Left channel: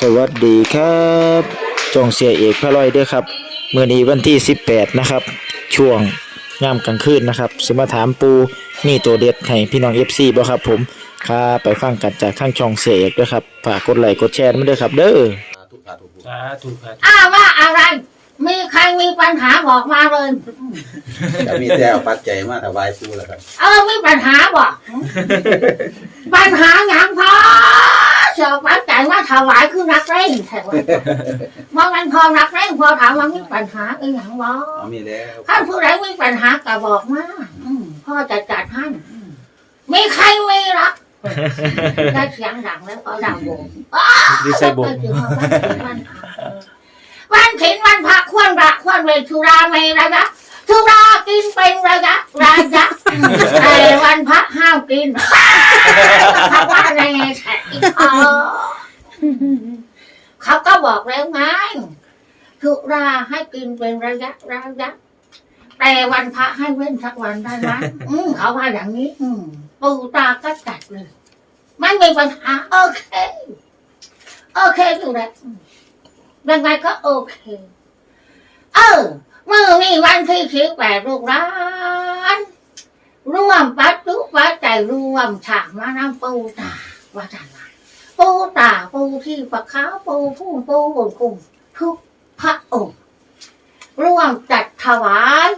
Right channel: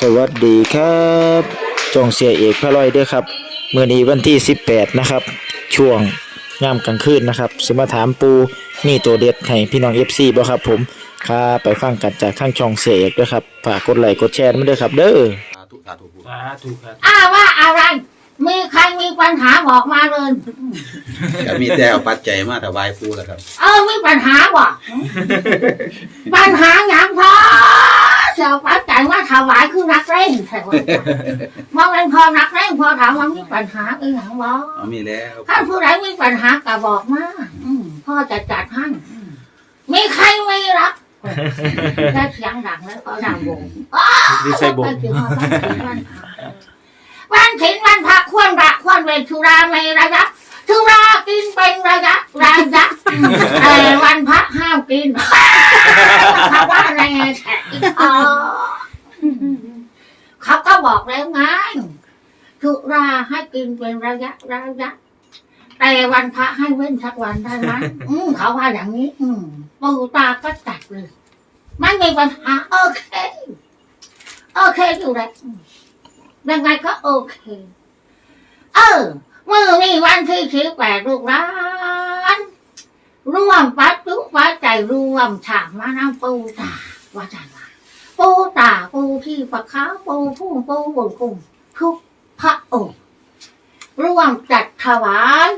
สวัสดีครับจองเสียเอกพระลอยเด้อครับมื้อนี้วันที่ 18 นะครับ ช่วงยามกลางคืนนะครับสิมาถามปูมีตัวเด็ดให้พี่น้อง FC บ่ครับผมครับไปฟังกันจากข้างช่องเสียเอกด้วยครับฝากกดไลค์กดแชร์มาด้วยครับ เด้อสาธุสาธุสาธุครับอ้าวว่าอะไร มีใครมีปัญหาบอกมาเลย ก็มีแต่เอาปัจจัยมาถวายปูแหละครับ เออมีปัญหาบ่ ปัญหาหยังพอ เสียวปัจจัยมาถวายคือนักเร่งใช่ไหมว่ามันพอนักเร่งพอถามว่ามีปัญหาอีหยังบ่เอามีแล้วถ้าผู้ใดมีปัญหาก็บอกมาอืมพ่อจะจัดให้อืมมีใครไม่รักได้เสียงดังแล้วก็ดังวงดีใส่บงวันถินวันพระวันถินวันพระควรระควรเวรชุราไม่ระยะ ชุรากินเป็นระยะระยะแต่วันพระห้ามกินคำว่าอะไรแท้อ๋อเขาก็บอกแล้วไงชุราให้กินเป็นระยะระยะแต่วันพระให้เว้นสักวันได้ไหมอืมเขาว่าอย่างนี้ อืมปูตาก็จัดเลยไม่มีปัญหาโอเค โอเคอยู่แล้วอืมยังไงก็โอเค เออเมื่อมีวันที่สิบแปดลูกร้านร่วมปัจจุปัจใจยร่วมฉากมาน้ำปูตาว่าจันว่าปูตาปูที่ปะขาวปูพุ่งปูบนกุ้งทุกพระองค์ร่วมจัดถวาย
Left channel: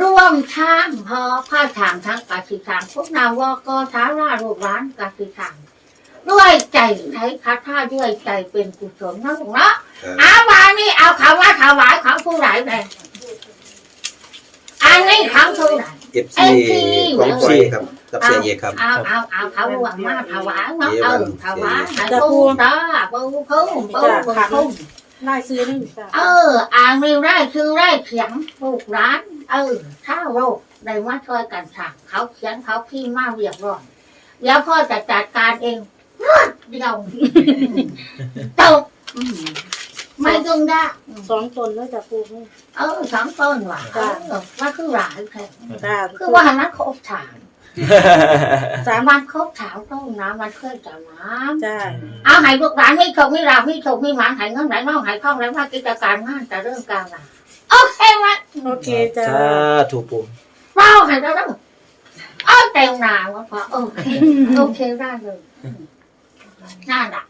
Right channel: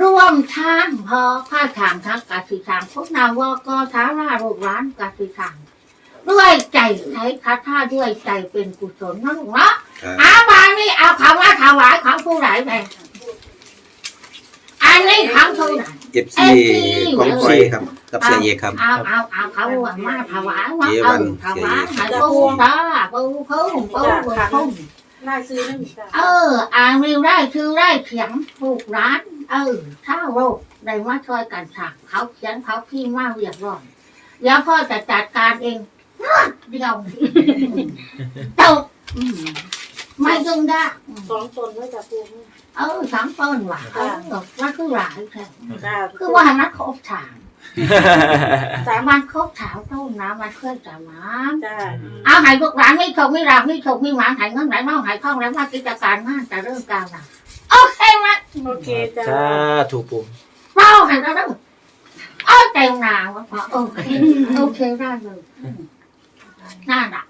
ร่วมช่างพอผ้าถางทั้งกสิทางพวกนาวกท้าราลูกร้านกสิทางด้วยใจใช้คาถาด้วยใจเป็นกุศลนะลูกเนาะเอาวานี่เอาคำว่าถวายของผู้ไหนไป อันนี้ของผู้ไหนเอฟซีของซีครับ กับเสียเอกครับ เอาเอาเอาเขารวมมาถวายเนาะเจเอวันอถวายเจให้ปูตาปูพุ่งปูบุญพุ่งได้ซื้อได้หนึ่งจ้ะเอออ่านมีได้คือได้เขียนถูกร้าน เออถ้าโรคได้มาช่วยกันสั่งเขาเขียนเขาพิมพ์มาเรียบร้อยเดี๋ยวพ่อจะจัดการเองรวดเดียวจบ อืมไม่ยุ่งยากอืมสองตนแล้วจะปูนี่เออสองต้นว่ะเออว่าคือหลายแท้จ้าคือว่าหันนั้นครบถามสามวันครบถามต้นนะมันเคลื่อนจากน้จ้าำเอาใหายพวกร้านไม่ชมไม่ราบไม่ชมไม่หมานใหายเงินไหลน้องใหายคล่องแล้วว่ากิจการงานจะเริ่มการละโอเคไหมโอเคจ้าสาธุปูเป้าใหายแล้วต้องเอาเต็มหนาวะพอโอเคโอเคได้เลยนั่นแหละเพราะฉะนั้นเ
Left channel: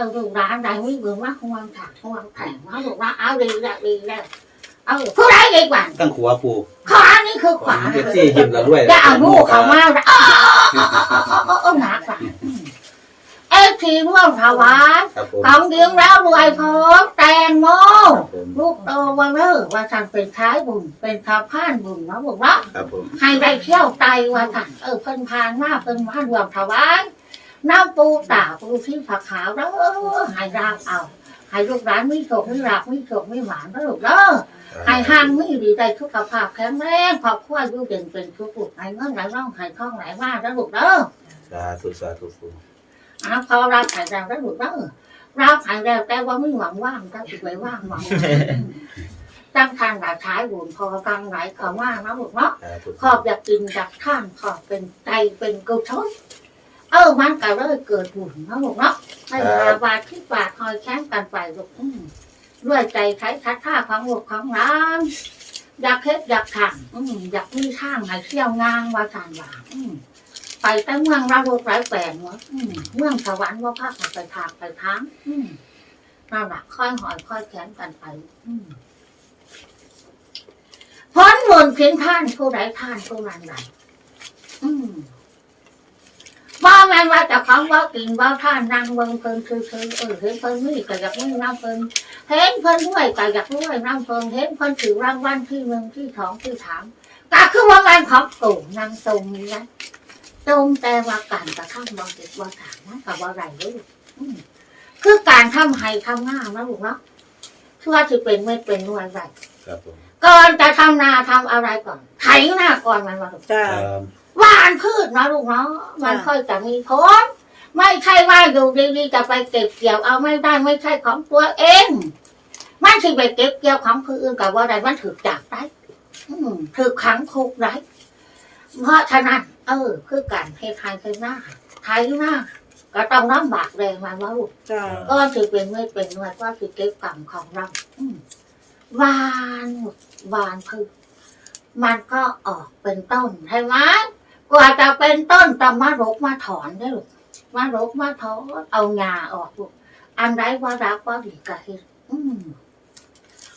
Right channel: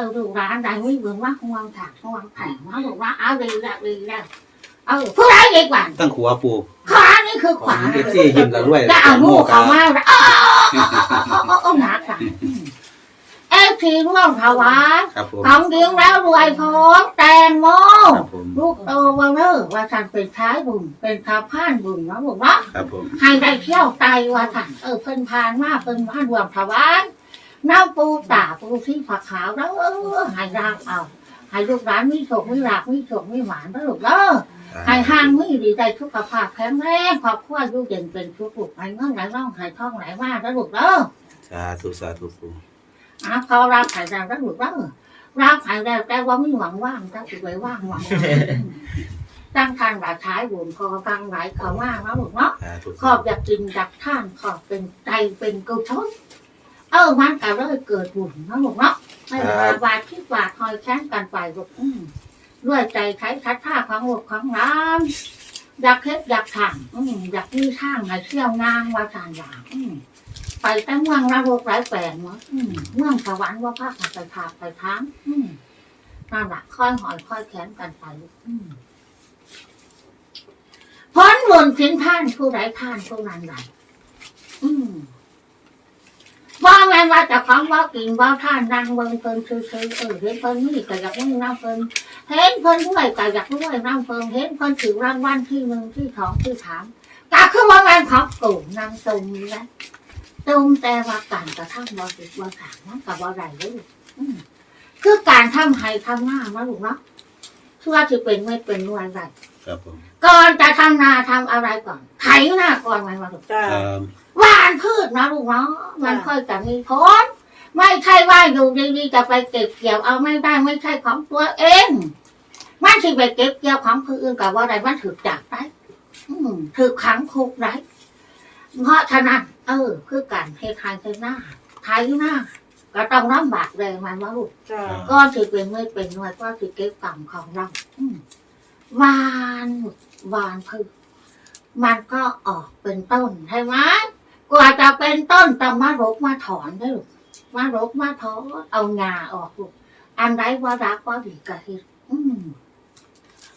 ออดูร้านใดไม่เบื่อว่าของวันถักของวันแข่งว่าบอกว่าเอาดีแล้วดีแล้วเออผู้ใดดีกว่าตั้งขัวปูขวานี่คือขวาเอฟซียิ้มแล้วด้วยจะเอาลูกเขามาแล้วอ้าวเออหนักอะเอฟทีร่วมถวายครับผมของเลี้ยงแล้วรวยพร้อมแตงโมลูกโตวันเลอว่าฉันเป็นท้ายบุญเป็นข้าพ่านบุญนะบอกว่าให้ได้เที่ยวไตว่าฉันเออเพิ่นพานมาเพิ่นพานรวมถวาย น้ำปูตาปูที่ผักขาวแล้วให้รางเอาให้ลูกร้านมีโชคมีลาภมีโชคมีหวานนะลูกเด้อให้ห้างไม่ดีใจสุขภาพแข็งแรงครอบครัวอยู่เด่นเป็นทุกข์ลูกให้เงินไหลร่องให้ทองไหลมาแล้วลูกเด้อสาธุสาธุปูอะพอรับหายแล้วแล้วลูกเด้อรับหายแล้วแต่ว่าไม่หวังว่างถ้าสิไว้ว่างหวังตั้งทานหลายท้ายบุญพอฟังหลายคำว่างนะลูกเนาะสาธุขอบอยากกินจากท่านขอบเป็นใจเป็นกุศล เออมันก็เลยเกิดบุญนะลูกเนาะให้หาบาทที่บาทคอยแค้นกันไปลูกอืมด้วยใจใช้ทัดท่าของลูกของร้านอยากเฮ็ดอยากทำอืมอยากมีทางให้เที่ยวงางว่าทานว่าอืมไปแต่เมืองราโรกหลายแปลงเนาะอืมเมืองสวรรค์ว่าภาคไปทางไปทางอืมนั่นแหละค่อยหอยค่อยแขนกันไป อืมพ้นวนเพียงท่านผู้ใดท่านผู้นั้นใดอืมว่าแม่ นว่าเจะของว่ากินว่าท่านนั่งเบิ่งเพิ่นคือๆเออเห็นเพิ่นนี่ก็อยากมีน้ำเพิ่นเห็นเพิ่นรวยก็อยากรวยน้ำเพิ่นเห็นเพิ่นถือรางวัลที่หนึ่งที่สองที่สามก็คือว่างานของตู่นางตรงนี้นะตรงแต่ว่าการกระทำบ่ติดบ่ถางนะกับบ่ไรเลยอืมคือการทำให้ทำหน้านะลูกเนาะชื่อว่าจะเป็นไม่เป็นรวยไรครับผมก่อนจะทำนาทำอะไรก่อนไถหน้าก่อนมันมาลูกจ้าครับ หวานพืชนะลูกเนาะมันค่อยจะมีผลไม่ใช่ว่าอยู่ดีๆจะไปเก็บเกี่ยวเอาไม่ได้ไม่ใช่ของตัวเองมันสิไปเก็บเกี่ยวของคนอื่นกับว่าใดมันถือจากได้อืมถือขังคุกได้เพราะฉะนั้นเออคือการเทไทยเทหน้าไทยหน้าก็ต้องลำบากแรงมันว่าลูกจ้าก็ถือเป็นเมื่อเป็นหน่วยก็ถือเก็บกรรมของเราอืมวานวานคือมันก็ออกเป็นต้นใช่ไหม กว่าจะเป็นต้นต้องมารกมาถอนได้ลูกมารกมาถอนเอางาออกลูกอันไรว่ารักว่าดีกะเฮ็ดอืม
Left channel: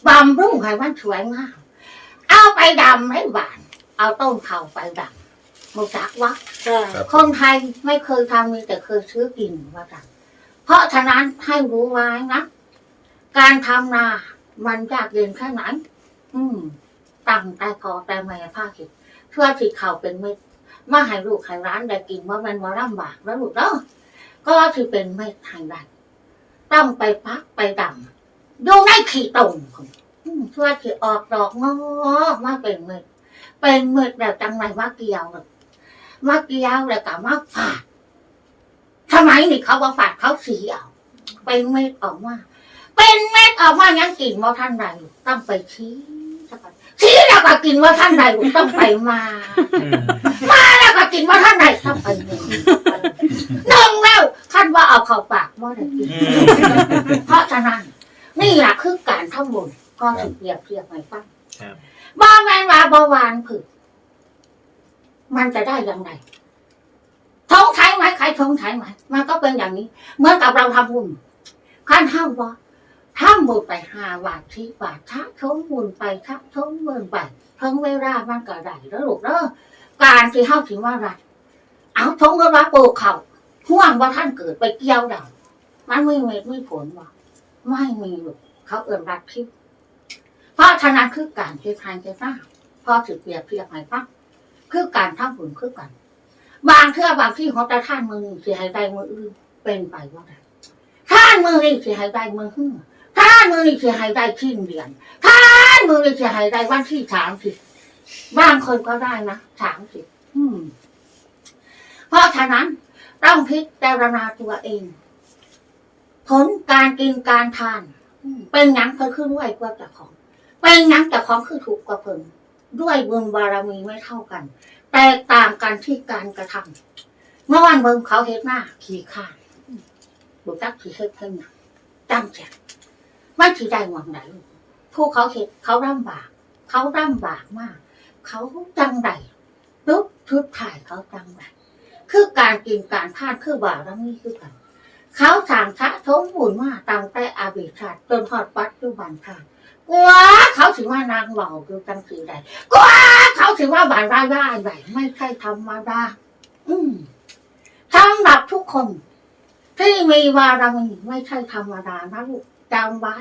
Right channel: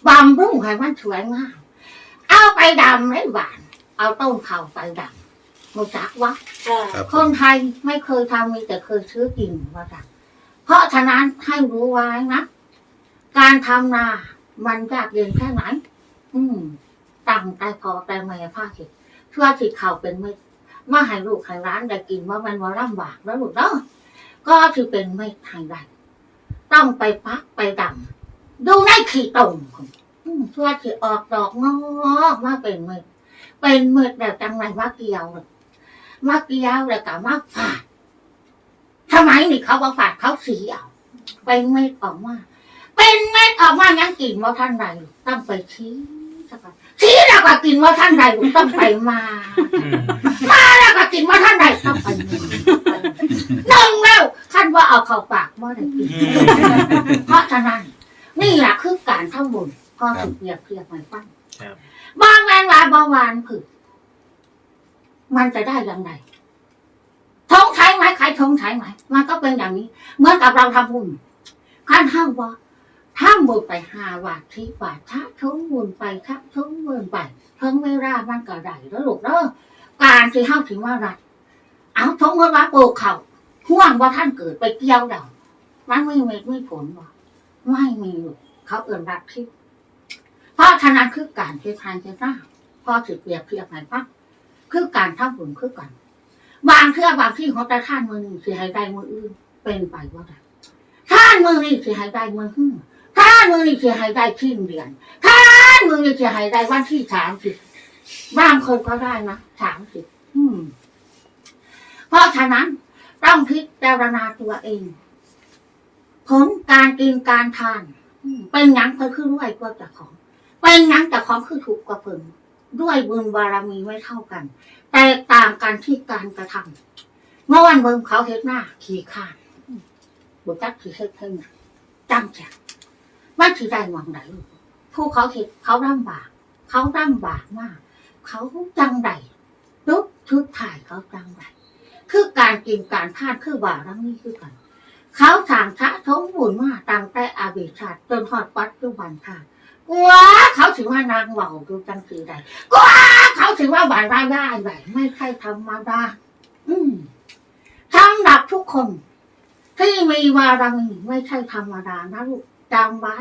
บำรุงให้มันสวยงามเอาไปดำให้บาน เอาต้นเขาไปดำมูจักวะจ้าคนไทยไม่เคยทำมีแต่เคยซื้อกินว่าจันเพราะฉะนั้นให้รู้ไว้นะ การทำนา มันยากเย็นแค่ไหน อืมตั้งแต่พอแต่แม่ภาคสิเพื่อสิเขาเป็นเม็ด มาให้ลูกให้ร้านได้กินว่ามันว่าลำบากแล้วลูกเนาะก็คือเป็นเม็ดให้ได้ต้องไปพักไปดำดูในขี้ตมอืมเพื่อออกดอกงอกมาเป็นเม็ดเป็นเม็ดแบบจังไรว่าเกี่ยวเลยมาเกี่ยวเลยกับมาฝาดทำไมนี่เขาว่าฝาดเขาสีเอาเป็นเม็ดออกมา เป็นเม็ดออกมายังกินว่าท่านใดต้องไปชี้ สักก่อนชี้แล้วก็กินว่าท่านใดต้องไปมาอืมมาแล้วก็กินว่าท่านใดต้องไปหนึ่งหนึ่งแล้วท่านว่าเอาเข้าปากเมื่อไหร่กินเพราะฉะนั้นนี่แหละคือการทำบุญก็ถึงเปรียบเทียบให้ฟังครับบ้าแมนวาบาวานผึกมันจะได้อย่างไรท้องใช้ไหมใครท้องใช้ไหมมันก็เป็นอย่างนี้ เหมือนกับเราทำบุญขั้นห้าว่า ทำบุญไปหาบาทที่บาทชักชมบุญไปชักชมบุญไปทั้งเวลามันก็ได้แล้วลูกเด้อการที่เขาถึงว่ารัฐเอาทงก็ว่าโปเขาห่วงว่าท่านเกิดไปเกี่ยวดาวมันไม่เม็ดไม่ผลว่ไม่มีลูกเขาเอื่นรัฐที่เพราะฉะนั้นคือการเททานเทท่าพอถือเปรียบเทียบให้ฟังคือการทำบุญคือกัน บางเทื่อบางที่เขาจะท่านมือหนึ่งสิให้ได้มืออื่นเป็นไปว่าท่านมือนี่สิให้ได้มือหื้อ ท่านมือนี่สิให้ได้ทิ้งเดือนท่านมือนี่สิให้ได้วันที่สามสิบางคนก็ได้นะสามสิบเพราะฉะนั้นต้องพิจารณาตัวเองผลการกินการทาน เป็นหยังก็คือด้วยกว่าจากของ เป็นหยังจากของคือถูกกว่าเพิ่งด้วยบุญบารมีไม่เท่ากัน แตกต่างกันที่การกระทำเมื่อวันเบิ่งเขาเฮ็ดหน้า ขี่ข้านอืมบุจักขี่เฮ็ดเพิ่นังตั้งใจ ไม่ถือได้หวังไหนผู้เขาเฮ็ดเขาลำบาก เขาลำบากมาก เขาจังใดลุกชุดถ่ายเขาจังใดคือการกินการทานคือบารมีคือกัน เขาสังชะทมบุญมาตั้งแต่อาบิชาติจนทอดปัจจุบันชาติกว่าเขาถือว่านางเหล่าดูจังสีใดกว่าเขาถือว่าบานรายได้ใหญ่ไม่ใช่ธรรมดาอืมทั้งดับทุกคน ที่มีวารมีไม่ใช่ธรรมดานะลูก จำไว้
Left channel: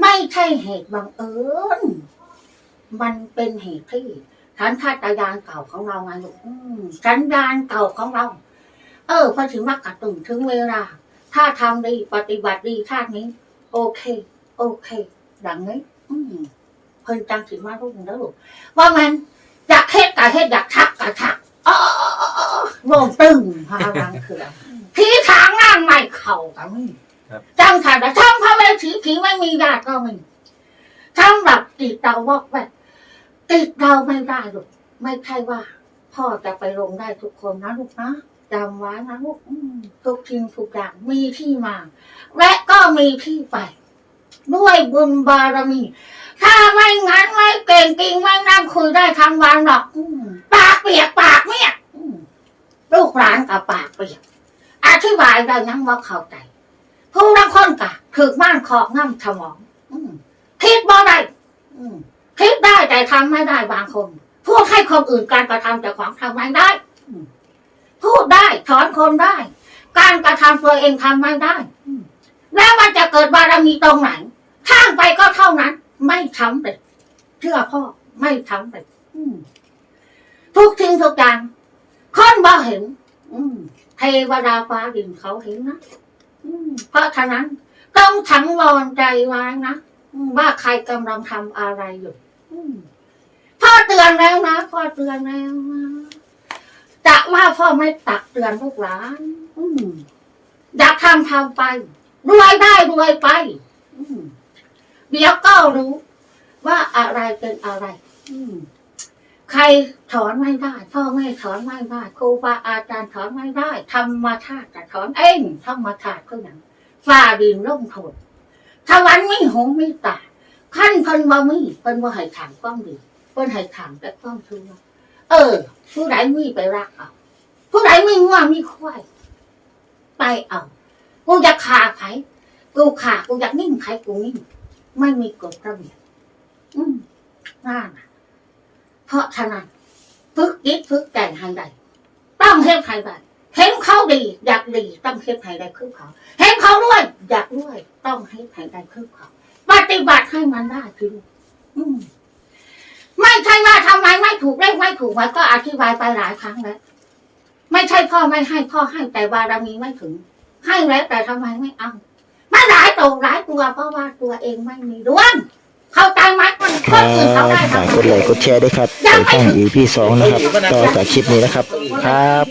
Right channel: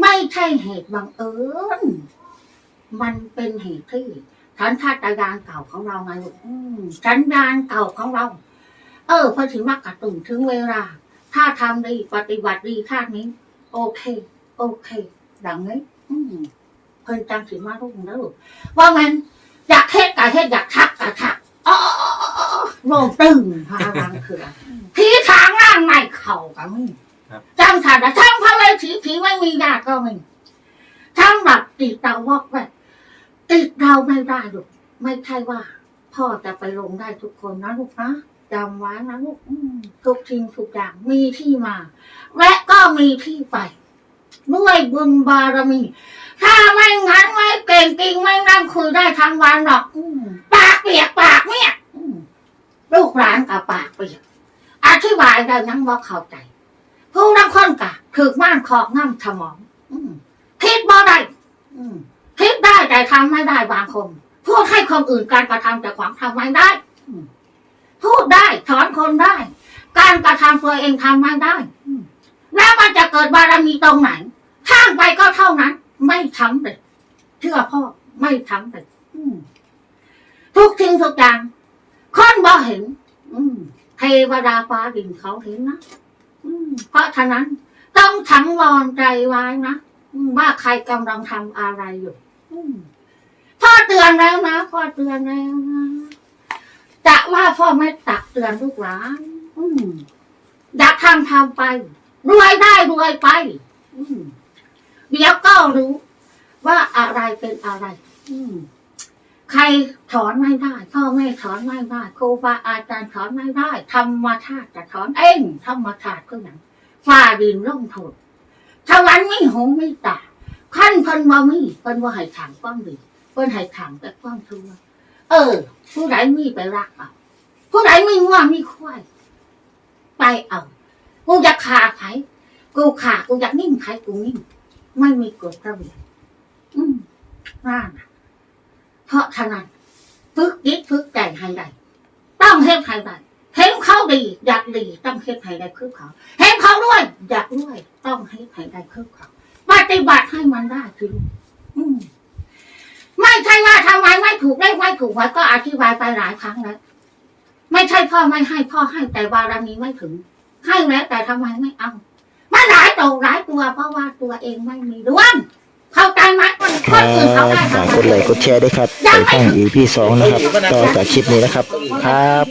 ไม่ใช่เหตุบังเอิญมันเป็นเหตุที่สันชาตญาณเก่าของเราไงลูกอืมสัญญาณเก่าของเรา เออพอถึงว่ากระตุ้นถึงเวลา ถ้าทำดีปฏิบัติดีชาตินี้ โอเค โอเคดังนี้อืมเพิ่นจังสิมาลูกนะลูกว่ามันอยากเฮ็ดกะเฮ็ดอยากชักกะชักอ๋อโลงตึงพารังเถื่อนผีทางนั่งไม่เข่ากันมึงครับ จังขาดช่างพระเวทีผีไม่มีญาติก็ไมีช่างแบบติดเราวอกแบบติดเราไม่ได้ลูกไม่ใช่ว่า พ่อจะไปลงได้ทุกคนนะลูกนะจำไว้นะลูกทุกทิ้งทุกอย่างมีที่มา และก็มีที่ไป ด้วยบุญบารมี ถ้าไม่งั้นไม่เก่งจริงไม่นั่งคุยได้ทั้งวันหรอกอปากเปียกปากเนี่ยลูกหลานกับปากเปียกอธิบายเรายังว่าเข้าใจ ผู้นักคนกะถือม่านขอบน้ำสมองอืมคิดบ่ได้อืมคิดได้แต่ทำไม่ได้บางคนพูดให้คนอื่นการกระทำแต่ความทำไม่ได้พูดได้สอนคนได้ การกระทำตัวเองทำไม่ได้อืมแล้วมันจะเกิดบารมีตรงไหนข้างไปก็เท่านั้น ไม่ทำเลยเชื่อพ่อไม่ทำเลยอืมทุกทิ้งทุกอย่างคนบ่เห็นอืมเทวดาฟ้าดินเขาเห็นนะอืม เพราะฉะนั้น ต้องทั้งรอนใจไว้นะว่าใครกำลังทำอะไรอยู่พ่อเตือนแล้วนะพ่อเตือนแล้วนะจะว่าพ่อไม่ตักเตือนลูกหลานอยากทำทำไปรวยได้รวยไปเดี๋ยวก็รู้ว่าอะไรเป็นอะไร อืม ใครถอนไม่ได้พ่อแม่ถอนไม่ได้ครูบาอาจารย์ถอนไม่ได้ธรรมชาติจะถอนเองธรรมชาติก็อย่างฟ้าดินร่มโทนทวันไม่หงไม่ตาขั้นเพิ่นบ่มีเพิ่นบ่ให้ถางป้องดีเพิ่นให้ถางแต่ป้องชั่วเออ ผู้ใดมีไปรักเอาผู้ใดมีง่วงมีควายไปเอากูจะขาไผกูขากูอยากนิ่งไผกูนิ่งไม่มีกฎระเบียบอืมนั่นน่ะ เพราะฉะนั้นฝึกจิตฝึกใจให้ได้ต้องเฮ็ดให้ได้เห็นเขาดีอยากดีต้องเฮ็ดให้ได้คือเขาเห็นเขาด้วยอยากด้วยต้องเฮ็ดให้ได้คือเขาปฏิบัติให้มันได้คืออืมไม่ใช่ว่าทำไมไม่ถูกได้ไม่ถูกไว้ก็อธิบายไปหลายครั้งแล้วไม่ใช่พ่อไม่ให้พ่อให้แต่บารมีไม่ถึง ให้แล้วแต่ทำไมไม่เอา ไม่หลายตัวหลายตัวเพราะว่าตัวเองไม่มีดวง เข้าใจไหมมันคคนรัอื่นเขาบได้ฝากกดไลค์กดแชร์ด้วยครับไปฟัง EP สองนะครับ ต่อจากคลิปนี้นะครับ ครับ